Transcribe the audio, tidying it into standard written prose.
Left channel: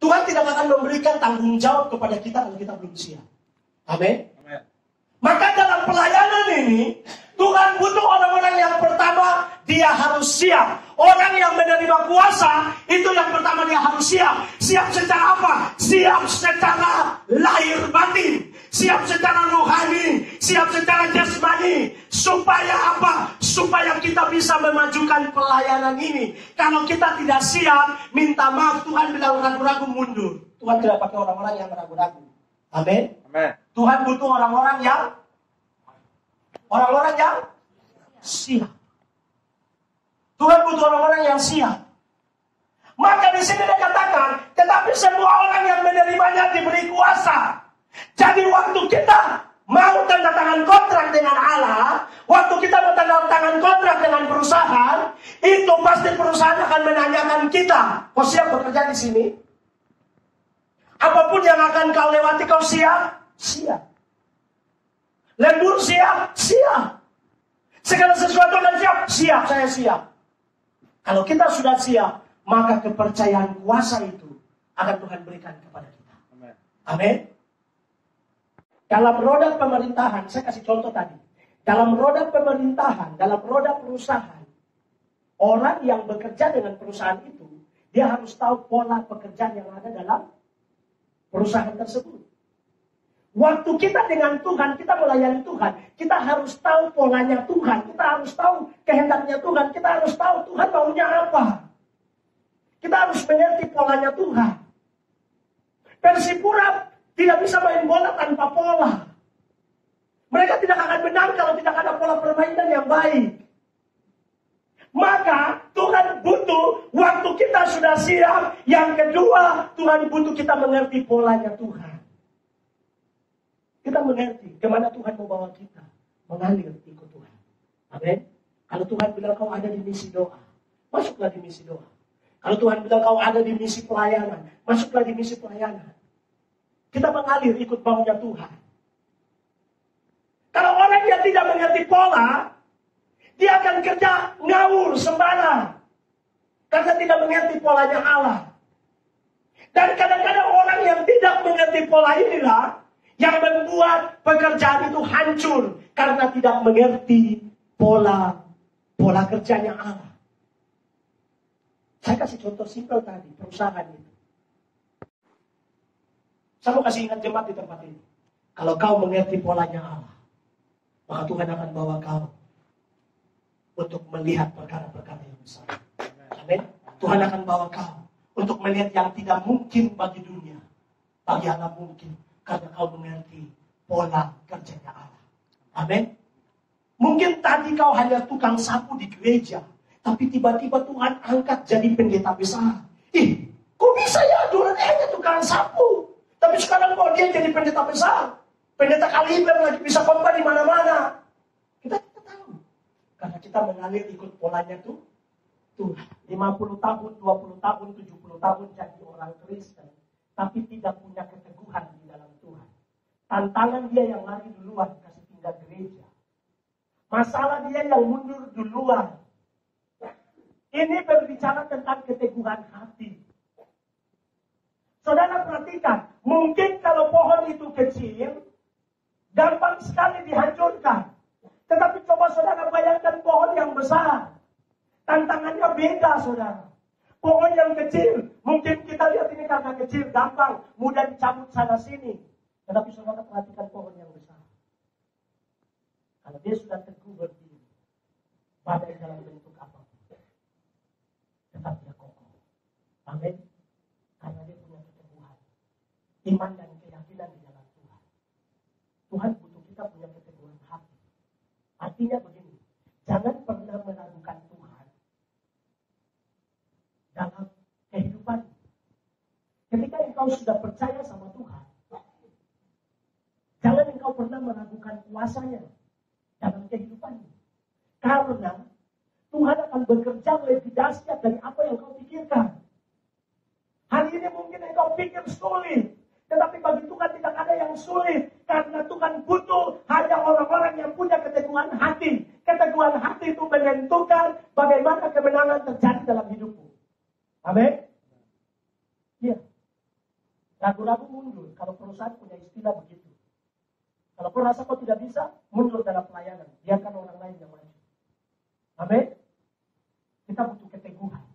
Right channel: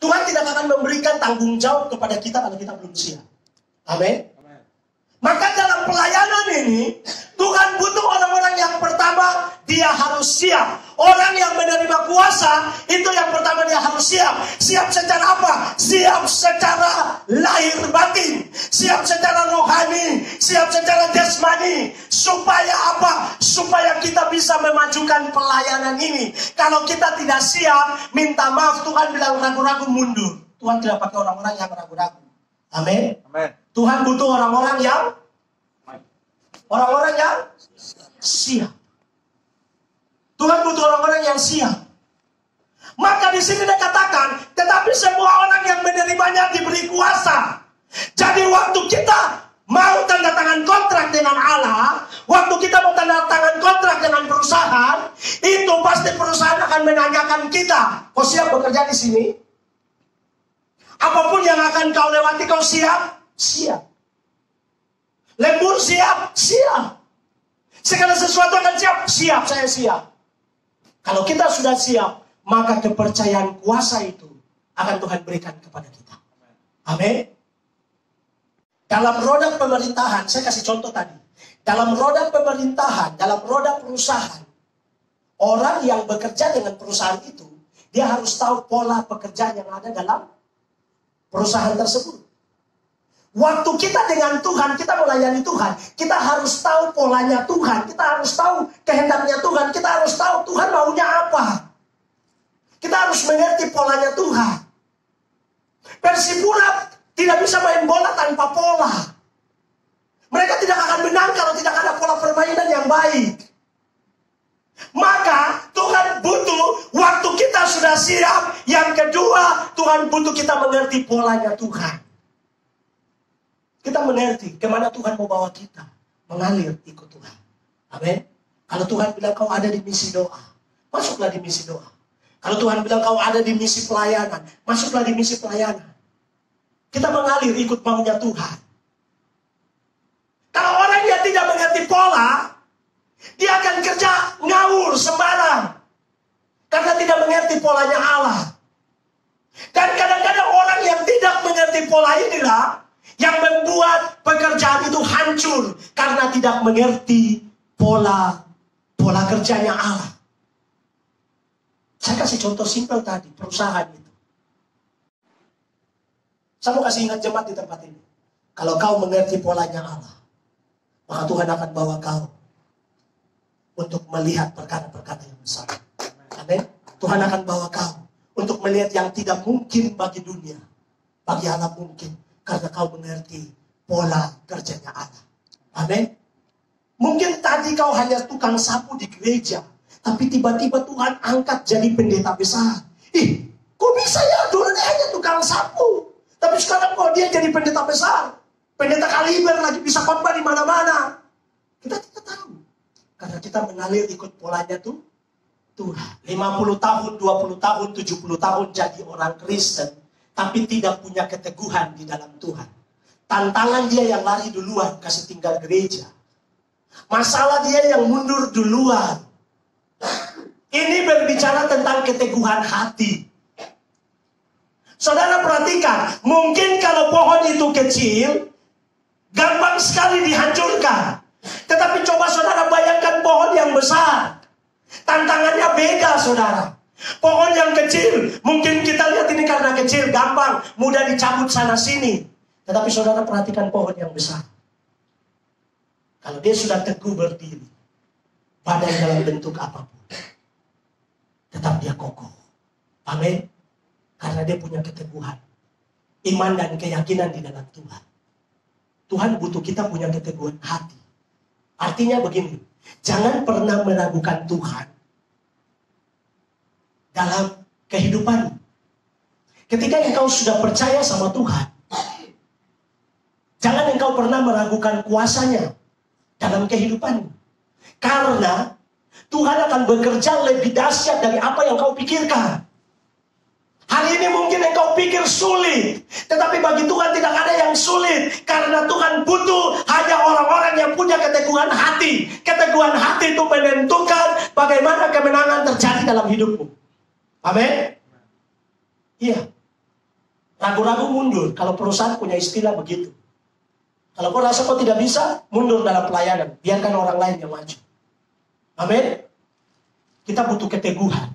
Tuhan tidak akan memberikan tanggung jawab kepada kita kalau kita belum siap. Amin. Maka dalam pelayanan ini, Tuhan butuh orang-orang yang pertama, dia harus siap. Orang yang menerima kuasa, itu yang pertama dia harus siap. Siap secara apa? Siap secara lahir batin. Siap secara rohani. Siap secara jasmani. Supaya apa? Supaya kita bisa memajukan pelayanan ini. Kalau kita tidak siap, minta maaf, Tuhan bilang ragu-ragu mundur. Tuhan tidak pakai orang-orang yang ragu-ragu. Amin. Tuhan butuh orang-orang yang siap. Tuhan butuh orang-orang yang siap. Maka di sini dia katakan, tetapi semua orang yang menerimanya diberi kuasa. Jadi waktu kita mau tanda tangan kontrak dengan Allah, waktu kita mau tanda tangan kontrak dengan perusahaan, itu pasti perusahaan akan menanyakan kita, kau siap bekerja di sini? Apapun yang akan kau lewati, kau siap? Siap. Lembur siap? Siap. Segala sesuatu akan siap? Siap, saya siap. Kalau kita sudah siap, maka kepercayaan kuasa itu akan Tuhan berikan kepada kita. Amin. Dalam roda pemerintahan, saya kasih contoh tadi. Dalam roda pemerintahan, dalam roda perusahaan, orang yang bekerja dengan perusahaan itu, dia harus tahu pola pekerjaan yang ada dalam perusahaan tersebut. Waktu kita dengan Tuhan, kita melayani Tuhan, kita harus tahu polanya Tuhan, kita harus tahu kehendaknya Tuhan, kita harus tahu Tuhan maunya apa. Kita harus mengerti polanya Tuhan. Persipura tidak bisa main bola tanpa pola. Mereka tidak akan menang kalau tidak ada pola permainan yang baik. Maka Tuhan butuh waktu kita sudah siap. Yang kedua, Tuhan butuh kita mengerti polanya Tuhan. Kita mengerti kemana Tuhan mau bawa kita. Mengalir ikut Tuhan. Amin. Kalau Tuhan bilang kau ada di misi doa, masuklah di misi doa. Kalau Tuhan bilang kau ada di misi pelayanan, masuklah di misi pelayanan. Kita mengalir ikut maunya Tuhan. Kalau orang yang tidak mengerti pola, dia akan kerja ngawur sembarang. Karena tidak mengerti polanya Allah. Dan kadang-kadang orang yang tidak mengerti pola inilah yang membuat pekerjaan itu hancur. Karena tidak mengerti pola kerjanya Allah. Saya kasih contoh simpel tadi, perusahaan itu. Saya mau kasih ingat jemaat di tempat ini. Kalau kau mengerti polanya Allah, maka Tuhan akan bawa kau untuk melihat perkara-perkara yang besar. Amin. Tuhan akan bawa kau untuk melihat yang tidak mungkin bagi dunia. Bagi Allah mungkin. Karena kau mengerti pola kerjanya Allah. Amin. Mungkin tadi kau hanya tukang sapu di gereja. Tapi tiba-tiba Tuhan angkat jadi pendeta besar. Kok bisa ya? Dulu dia hanya tukang sapu. Tapi sekarang kok dia jadi pendeta besar. Pendeta kaliber lagi bisa khotbah di mana-mana. Kita tidak tahu. Karena kita mengalir ikut polanya tuh Tuhan. 50 tahun, 20 tahun, 70 tahun jadi orang Kristen. Tapi tidak punya keteguhan di dalam Tuhan. Tantangan dia yang lari duluan, kasih tinggal gereja. Masalah dia yang mundur duluan. Ini berbicara tentang keteguhan hati. Saudara perhatikan, mungkin kalau pohon itu kecil, gampang sekali dihancurkan. Tetapi coba saudara bayangkan pohon yang besar. Tantangannya beda saudara. Pohon yang kecil, mungkin kita lihat ini karena kecil, gampang, mudah dicabut sana sini. Tetapi saudara perhatikan pohon yang besar. Kalau dia sudah teguh berdiri, badan dalam bentuk apapun, tetap dia kokoh. Amin. Karena dia punya keteguhan, iman dan keyakinan di dalam Tuhan. Tuhan butuh kita punya keteguhan hati. Artinya begini, jangan pernah meragukan Tuhan dalam kehidupan. Ketika engkau sudah percaya sama Tuhan, jangan engkau pernah meragukan kuasanya dalam kehidupan. Karena Tuhan akan bekerja lebih dahsyat dari apa yang kau pikirkan. Hari ini mungkin engkau pikir sulit, tetapi bagi Tuhan tidak ada yang sulit. Karena Tuhan butuh hanya orang-orang yang punya keteguhan hati. Keteguhan hati itu menentukan bagaimana kemenangan terjadi dalam hidupmu. Amin. Iya. Ragu-ragu mundur. Kalau perusahaan punya istilah begitu. Kalau kau rasa kau tidak bisa, mundur dalam pelayanan. Biarkan orang lain yang maju. Amin. Kita butuh keteguhan.